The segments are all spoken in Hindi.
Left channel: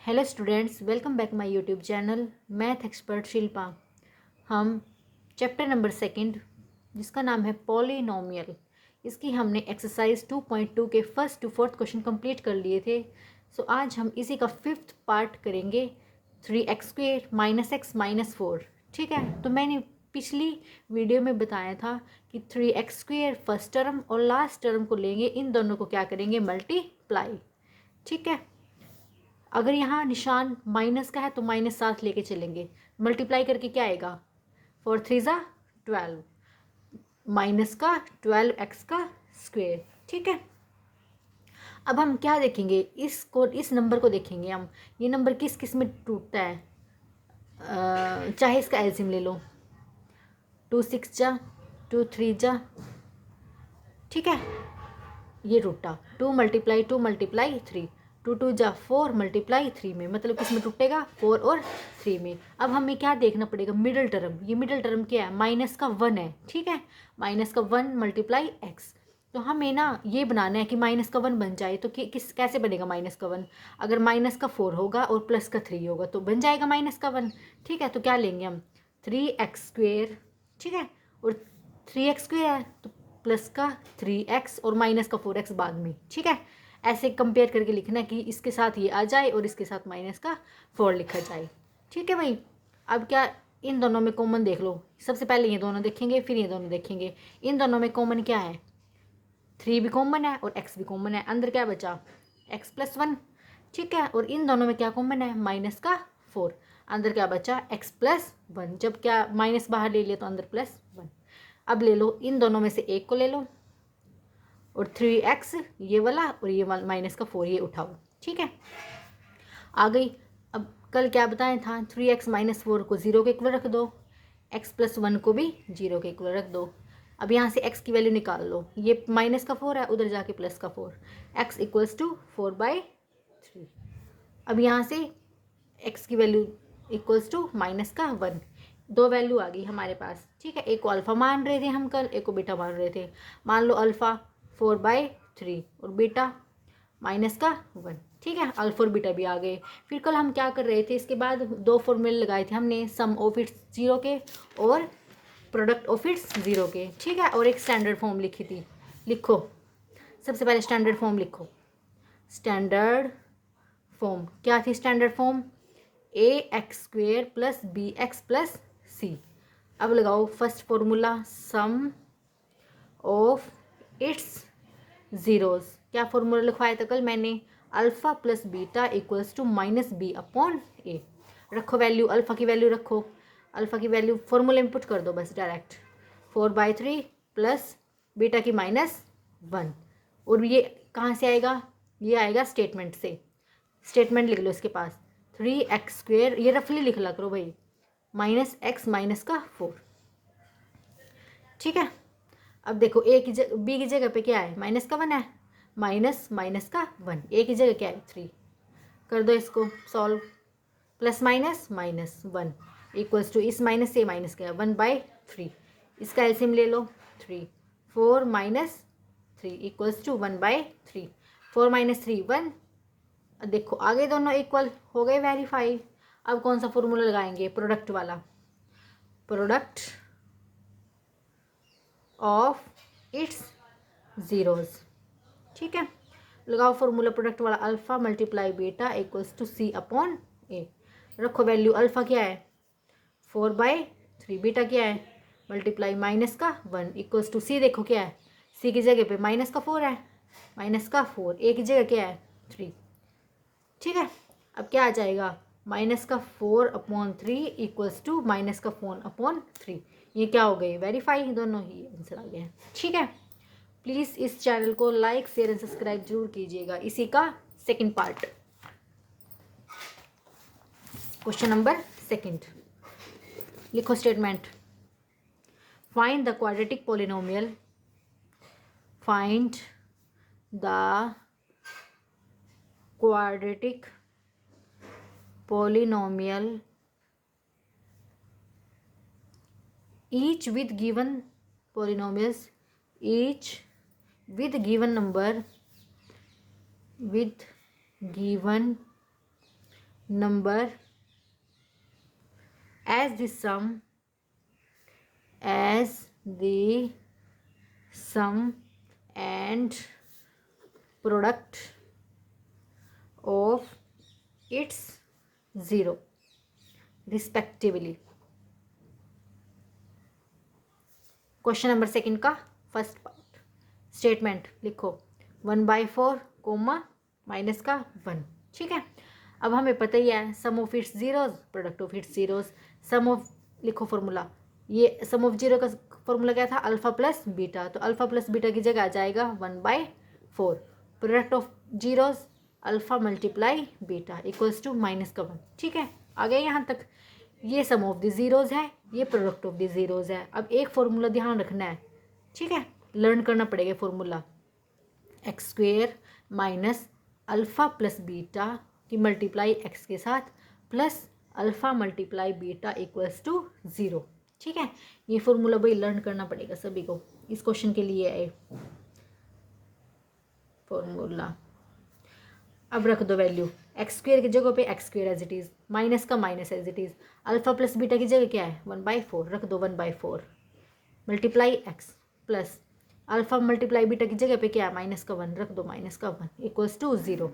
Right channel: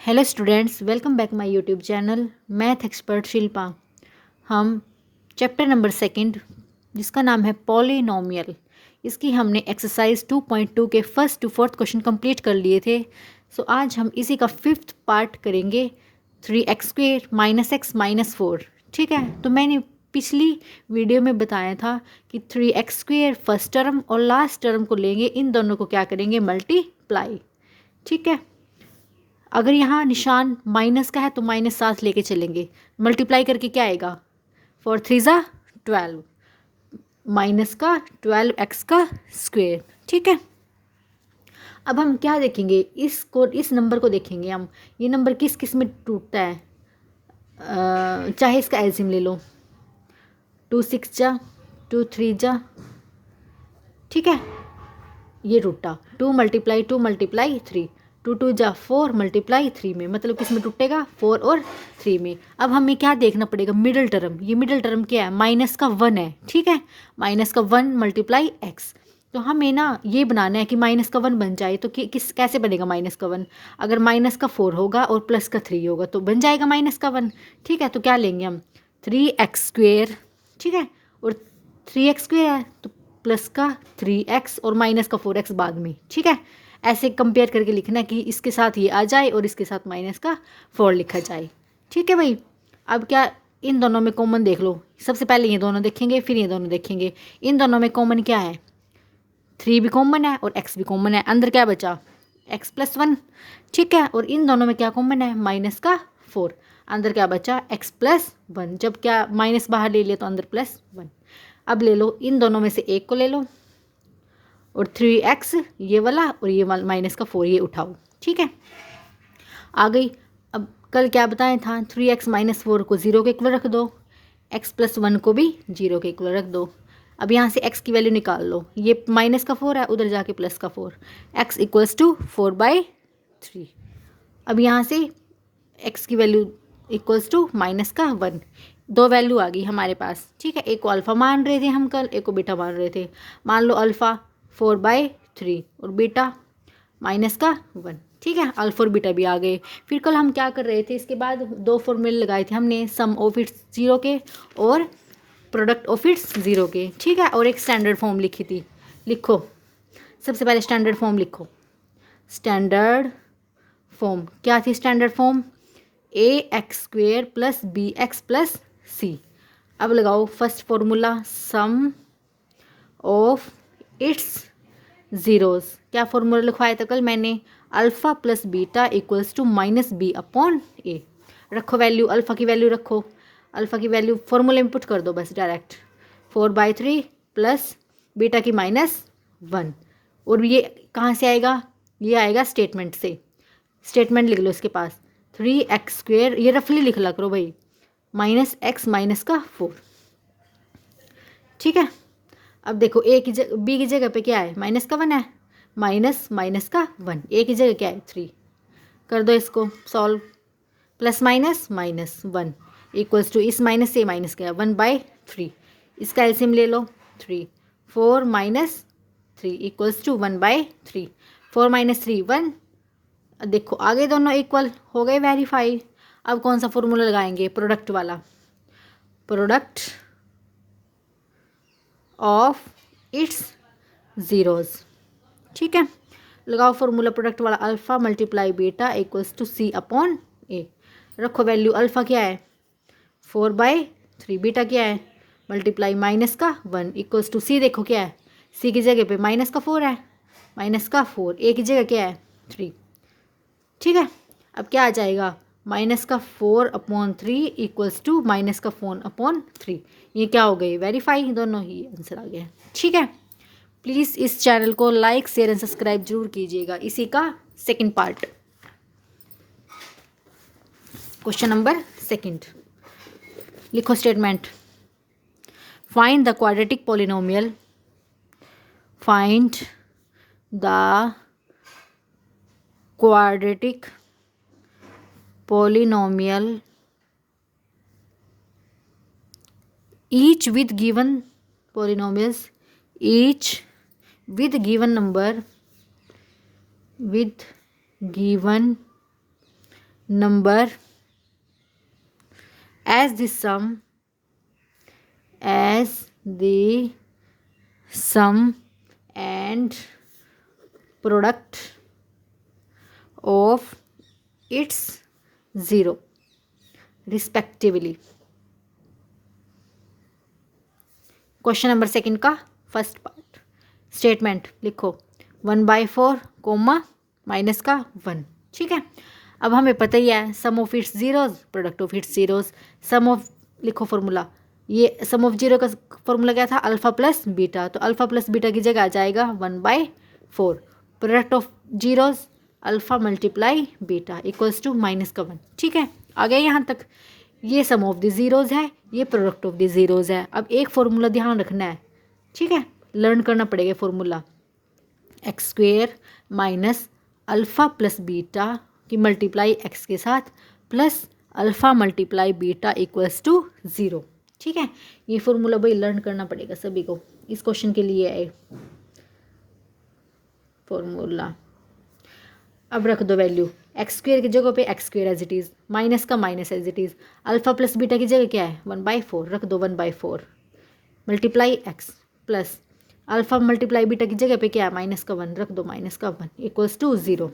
Hello students, welcome back my YouTube channel math expert Shilpa. हम चैप्टर नंबर सेकंड जिसका नाम है पॉलिनोमियल, इसकी हमने एक्सरसाइज 2.2 के first to fourth question complete कर लिए थे। सो आज हम इसी का फिफ्थ पार्ट करेंगे, 3x² - x - 4। ठीक है, तो मैंने पिछली वीडियो में बताया था कि 3x² फर्स्ट टर्म और लास्ट टर्म को लेंगे, इन दोनों को क्या करेंगे, मल्टीप्लाई। ठीक है, अगर यहाँ निशान माइनस का है तो माइनस साथ लेके चलेंगे, मल्टीप्लाई करके क्या आएगा, 4 3 = 12, माइनस का 12x का स्क्वेयर। ठीक है, अब हम क्या देखेंगे, इस नंबर को देखेंगे हम, ये नंबर किस किस में टूटता है। चाहे इसका एलसीएम ले लो, 2 6 जा, 2 3 जा। ठीक है, ये टूटा, 2 × 3, 2 2 जा 4 × 3 में, मतलब किस में टूटेगा, 4 और 3 में। अब हमें क्या देखना पड़ेगा, मिडिल टर्म। ये मिडिल टर्म क्या है, माइनस का 1 है। ठीक है, माइनस का 1 × x। तो हमें ना ये बनाना है कि माइनस का 1 बन जाए, तो कैसे बनेगा माइनस का 1, अगर माइनस का 4 होगा और प्लस का 3 होगा तो बन जाएगा माइनस का 1। ठीक है, तो क्या लेंगे हम, 3x²। ठीक है, और 3x² है तो प्लस का 3x और माइनस का 4x बाद में। ठीक है, ऐसे कंपेयर करके लिखना कि इसके साथ ये आ जाए और इसके साथ माइनस का 4 लिखा जाए। ठीक है भाई, अब क्या, इन दोनों में कॉमन देख लो। सबसे पहले ये दोनों देखेंगे, फिर ये दोनों देखेंगे। इन दोनों में कॉमन क्या है, 3 भी कॉमन है और x भी कॉमन है। अंदर क्या बचा, x + 1। ठीक है, और इन दोनों में क्या कॉमन है, माइनस का 4। अंदर क्या बचा, x + 1। जब क्या माइनस बाहर ले लिया तो अंदर +1। अब ले लो, इन दोनों में से एक को ले लो और 3x ये वाला और ये वाला माइनस का 4 ये उठाओ। ठीक है, आ गई। अब कल क्या बताया था, 3x - 4 को 0 के इक्वल रख दो, x + 1 को भी 0 के इक्वल रख दो। अब यहाँ से x की वैल्यू निकाल लो, ये माइनस का 4 है, उधर जाके प्लस का 4, x = 4/3। अब यहाँ से x की वैल्यू = माइनस का 1। दो वैल्यू आ गई हमारे पास। ठीक है, एक को अल्फ़ा मान रहे थे हम कल, एक को बीटा मान रहे थे। मान लो अल्फ़ा 4/3 और बीटा माइनस का 1। ठीक है, अल्फ़ा और बीटा भी आ गए। फिर कल हम क्या कर रहे थे, इसके बाद दो फॉर्मूले लगाए थे हमने, सम ऑफ इट्स 0 के और प्रोडक्ट ऑफ इट्स 0 के। ठीक है, और एक स्टैंडर्ड फॉर्म लिखी थी। लिखो, सबसे पहले स्टैंडर्ड फॉर्म लिखो। स्टैंडर्ड फॉर्म क्या थी, standard form ax² + bx + c। अब लगाओ first formula, sum of its zeroes. क्या फॉर्मूला लिखवाया था कल मैंने, अल्फ़ा + बीटा = -b/a। रखो वैल्यू, अल्फ़ा की वैल्यू रखो, अल्फ़ा की वैल्यू फॉर्मूले में पुट कर दो बस डायरेक्ट, 4/3 प्लस बीटा की -1। और ये कहाँ से आएगा, ये आएगा स्टेटमेंट से। स्टेटमेंट लिख लो इसके पास, 3x², ये रफली लिख ला करो भाई, -x - 4। ठीक है, अब देखो ए की जगह, बी की जगह पे क्या है, माइनस का 1 है, माइनस का 1। ए की जगह क्या है, 3। कर दो इसको सॉल्व, +- -1 = इस माइनस से माइनस गया, 1/3। इसका एलसीएम ले लो, 3 4 - 3 = 1/3। 4 - 3 1। देखो आगे दोनों इक्वल हो गए, वेरीफाई। अब कौन सा फॉर्मूला लगाएंगे, प्रोडक्ट वाला, प्रोडक्ट ऑफ इट्स ज़ीरोज़। ठीक है, लगाओ फॉर्मूला प्रोडक्ट वाला, अल्फ़ा × बीटा = c/a। रखो वैल्यू, अल्फ़ा क्या है 4/3, बीटा क्या है मल्टीप्लाई माइनस का 1 = c। देखो क्या है, c की जगह पे माइनस का 4 है, माइनस का 4, a की जगह क्या है 3। ठीक है, अब क्या आ जाएगा, -4/3 = -4/3। ये क्या हो गए, वेरीफाई, दोनों ही आंसर आ गया। ठीक है, प्लीज़ इस चैनल को लाइक शेयर एंड सब्सक्राइब जरूर कीजिएगा। इसी का second part, question number second. लिखो statement, find the quadratic polynomial, find the quadratic polynomial each with given polynomials, each with given number, with given number as the sum and product of its zero respectively. Question number second का फर्स्ट पार्ट स्टेटमेंट लिखो 1/4 कोमा माइनस का 1। ठीक है, अब हमें पता ही है sum of its zeros product of its zeros. Sum of लिखो फॉर्मूला, ये सम ऑफ जीरो का फॉर्मूला क्या था अल्फ़ा प्लस बीटा, तो अल्फ़ा प्लस बीटा की जगह आ जाएगा 1/4 product of zeros alpha multiply beta equals to minus का 1। ठीक है, आ गया यहाँ तक। ये सम ऑफ द ज़ीरोज़ है, ये प्रोडक्ट ऑफ द ज़ीरोज़ है। अब एक फॉर्मूला ध्यान रखना है, ठीक है, लर्न करना पड़ेगा formula x square minus alpha plus beta की मल्टीप्लाई एक्स के साथ plus alpha multiply beta equals to 0। ठीक है, ये फॉर्मूला भाई लर्न करना पड़ेगा सभी को, इस क्वेश्चन के लिए है फॉर्मूला। अब रख दो वैल्यू एक्स स्क्वेयर की जगह पे x square as it is, minus का minus as it is, alpha plus beta की जगह क्या है 1/4 रख दो 1/4 multiply x plus alpha multiply beta की जगह पे क्या है माइनस का 1 रख दो माइनस का 1 इक्वल्स टू 0।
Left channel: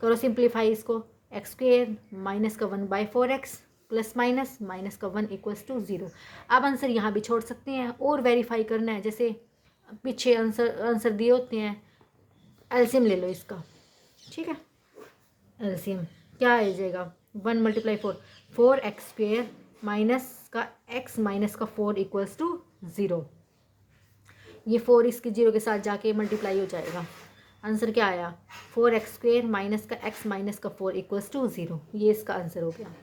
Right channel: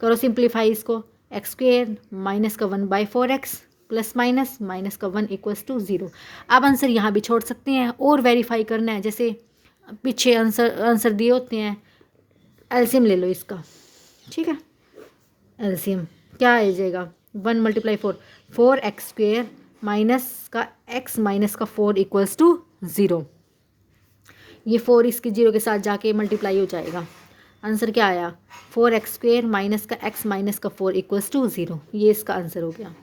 करो सिंप्लीफाई इसको, एक्स स्क्वेयर माइनस का 1/4 एक्स प्लस माइनस माइनस का 1 इक्वल्स टू 0। अब आंसर यहाँ भी छोड़ सकते हैं और वेरीफाई करना है, जैसे पीछे आंसर दिए होते हैं। एलसीएम ले लो इसका, ठीक है, एलसीएम क्या आ जाएगा 1 × 4 4 एक्स स्क्वेयर माइनस का एक्स माइनस का 4 इक्वल्स टू 0। ये 4 इसके 0 के साथ जाके मल्टीप्लाई हो जाएगा। आंसर क्या आया 4 एक्स स्क्वेयर माइनस का एक्स माइनस का 4 इक्वल्स टू 0। ये इसका आंसर हो गया।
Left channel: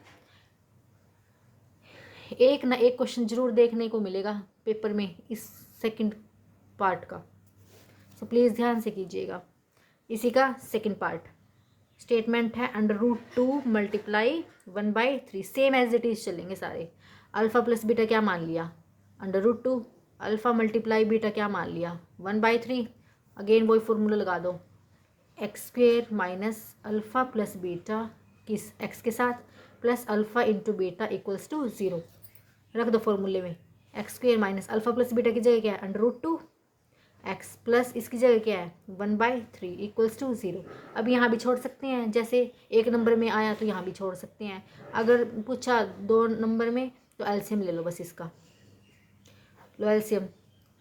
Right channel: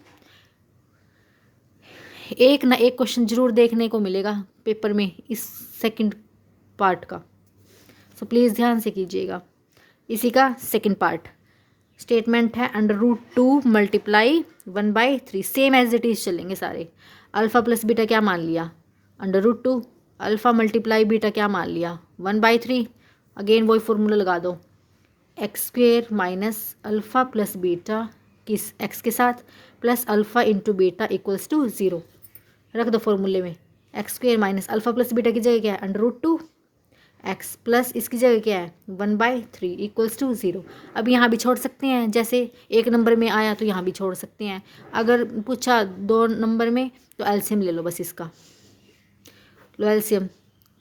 एक ना एक क्वेश्चन जरूर देखने को मिलेगा पेपर में इस सेकंड पार्ट का, सो प्लीज़ ध्यान से कीजिएगा। इसी का सेकंड पार्ट स्टेटमेंट है √2 multiply 1/3 same as it is चलेंगे सारे। अल्फ़ा प्लस बीटा क्या मान लिया √2, अल्फ़ा मल्टीप्लाई बीटा क्या मान लिया 1/3। अगेन वही फॉर्मूला लगा दो x square minus alpha plus beta किस एक्स के साथ plus alpha into beta equals to 0। रख दो फॉर्मूले में x square minus alpha plus beta की जगह क्या है √2 एक्स प्लस इसकी जगह क्या है 1/3 इक्वल्स टू 0। अब यहाँ भी छोड़ सकते हैं, जैसे एक नंबर में आया तो यहाँ भी छोड़ सकते हैं। अगर पूछा 2 नंबर में तो एलसीएम ले लो बस इसका। लो एलसीएम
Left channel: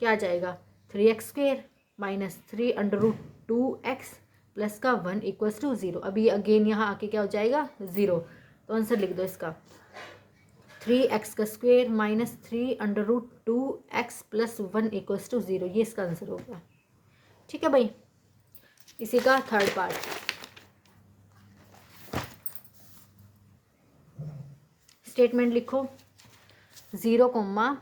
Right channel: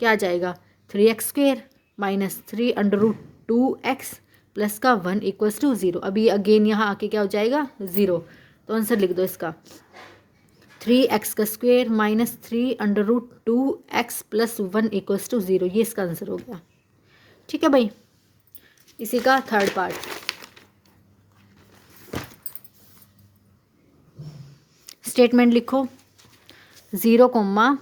क्या आ जाएगा 3x square minus 3√2x plus का 1 इक्वल्स टू 0। अभी अगेन यहाँ आके क्या हो जाएगा 0, तो आंसर लिख दो इसका 3x का square minus 3√2x plus 1 equals to 0। ये इसका आंसर हो गया। ठीक है भाई, इसी का थर्ड पार्ट स्टेटमेंट लिखो 0 कोमा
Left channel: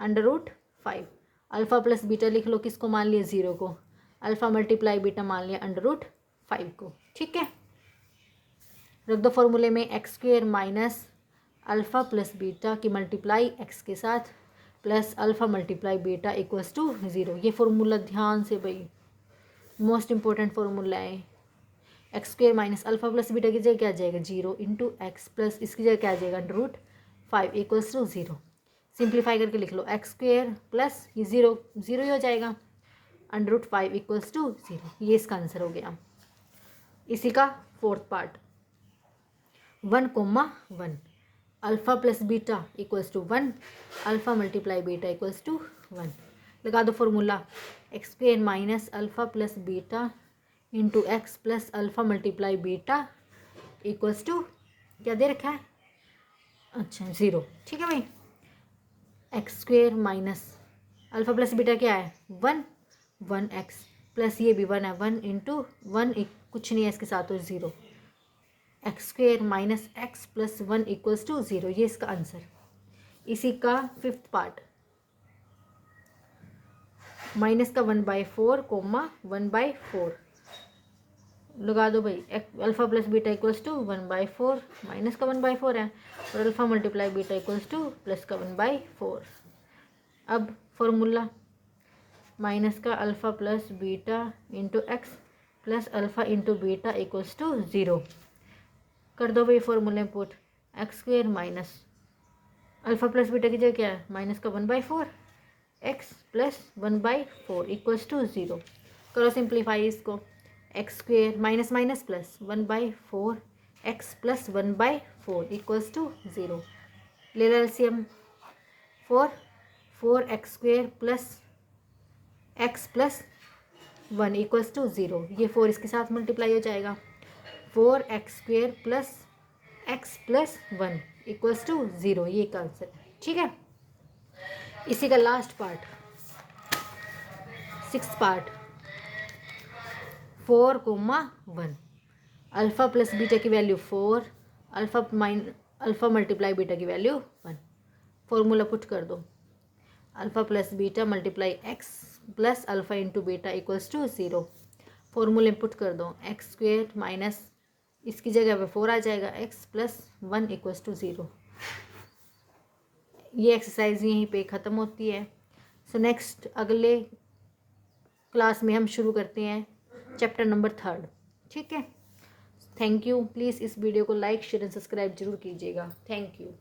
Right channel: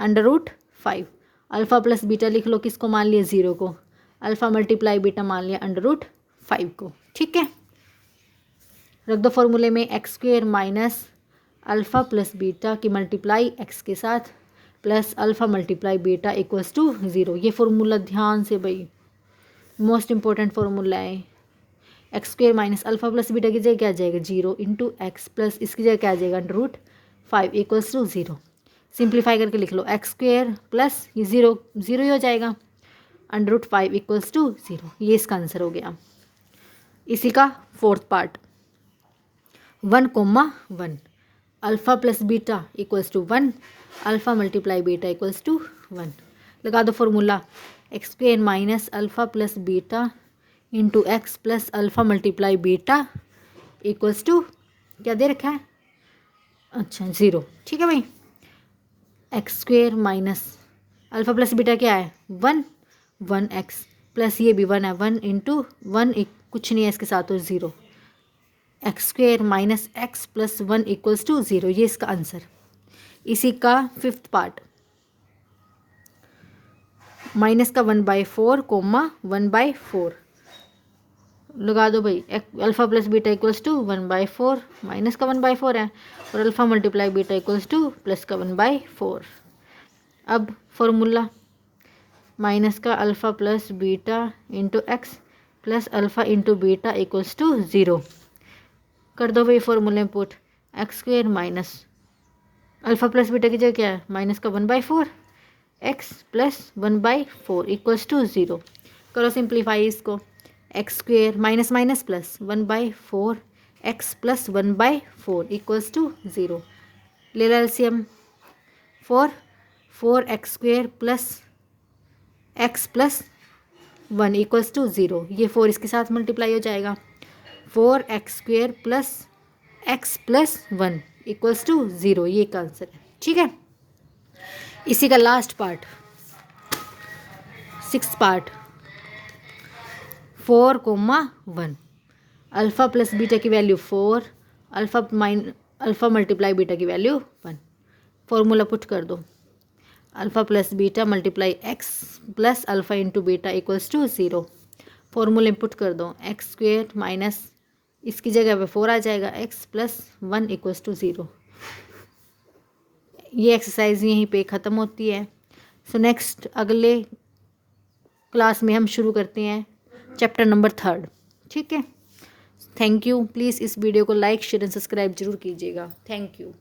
√5 अल्फ़ा प्लस बीटा लिख लो, किसको मान लिया 0 को, अल्फ़ा मल्टीप्लाई बीटा मान लिया √5 को। ठीक है, रख दो फॉर्मूले में x square minus alpha plus beta की मल्टीप्लाई एक्स के साथ plus alpha multiply beta equals to 0। ये फार्मूला ध्यान से भाई मोस्ट इंपॉर्टेंट फार्मूला है। X square minus alpha plus beta की जगह क्या आ जाएगा 0 इंटू एक्स प्लस इसकी जगह क्या आ जाएगा √5 इक्वल्स टू 0। सिंप्लीफाई करके लिख लो एक्स स्क्वेयर प्लस ये 0 ही हो जाएगा √5 इक्वल्स टू 0। ये इसका आंसर हो गया। इसी का fourth part 1,1 alpha plus beta equals to 1 alpha multiply beta equals to 1। लगा दो formula x square minus alpha plus beta into x plus alpha multiply beta equals to क्या दे रखा है, अच्छा 0। ठीक है भाई, x square minus alpha plus beta क्या है 1 एक्स प्लस ये भी 1 है 1 इंटू 1 कुछ नहीं है इसके साथ तो 0 x square minus x plus 1 equals to 0। ये इसका आंसर। इसी का फिफ्थ पार्ट माइनस का 1/4 कोमा 1/4 लगा दो भाई alpha plus beta equals to 1/4 minus का 1/4 है और alpha multiply beta equals to plus का 1/4। अब फॉर्मूला माइनस का alpha plus beta into x plus alpha into beta equals to 0। कर दो भाई फॉर्मूले में put, x square minus alpha plus beta की जगह क्या है, माइनस का 1/4 एक्स प्लस 1/4 इक्वल्स टू 0। करो सिंप्लीफाई इसको, x square minus minus plus 1/4 x plus 1/4 equals to 0। ले लो LCM, 4 x square plus x plus 1 equals to 0। ये 4 इसके साथ मल्टीप्लाई हो जाएगा, 4x square plus x plus 1 equals to 0। ये का आंसर है, ठीक है। इसी का last part, 6th part, 4,1 alpha plus beta की वैल्यू 4, अल्फ़ा मल्टीप्लाई बीटा की वैल्यू 1। फॉर्मूला पुट कर दो, alpha plus beta multiply x plus alpha into beta equals to 0। फॉर्मूले पुट कर दो, एक्स स्क्वेयर माइनस इसकी जगह पे 4 आ जाएगा, एक्स प्लस 1 इक्वल्स टू 0। ये एक्सरसाइज यहीं पे ख़त्म होती है। सो नेक्स्ट अगले क्लास में हम शुरू करते हैं चैप्टर नंबर 3, ठीक है। Thank you. प्लीज़ इस वीडियो को लाइक शेयर एंड सब्सक्राइब जरूर कीजिएगा। Thank you.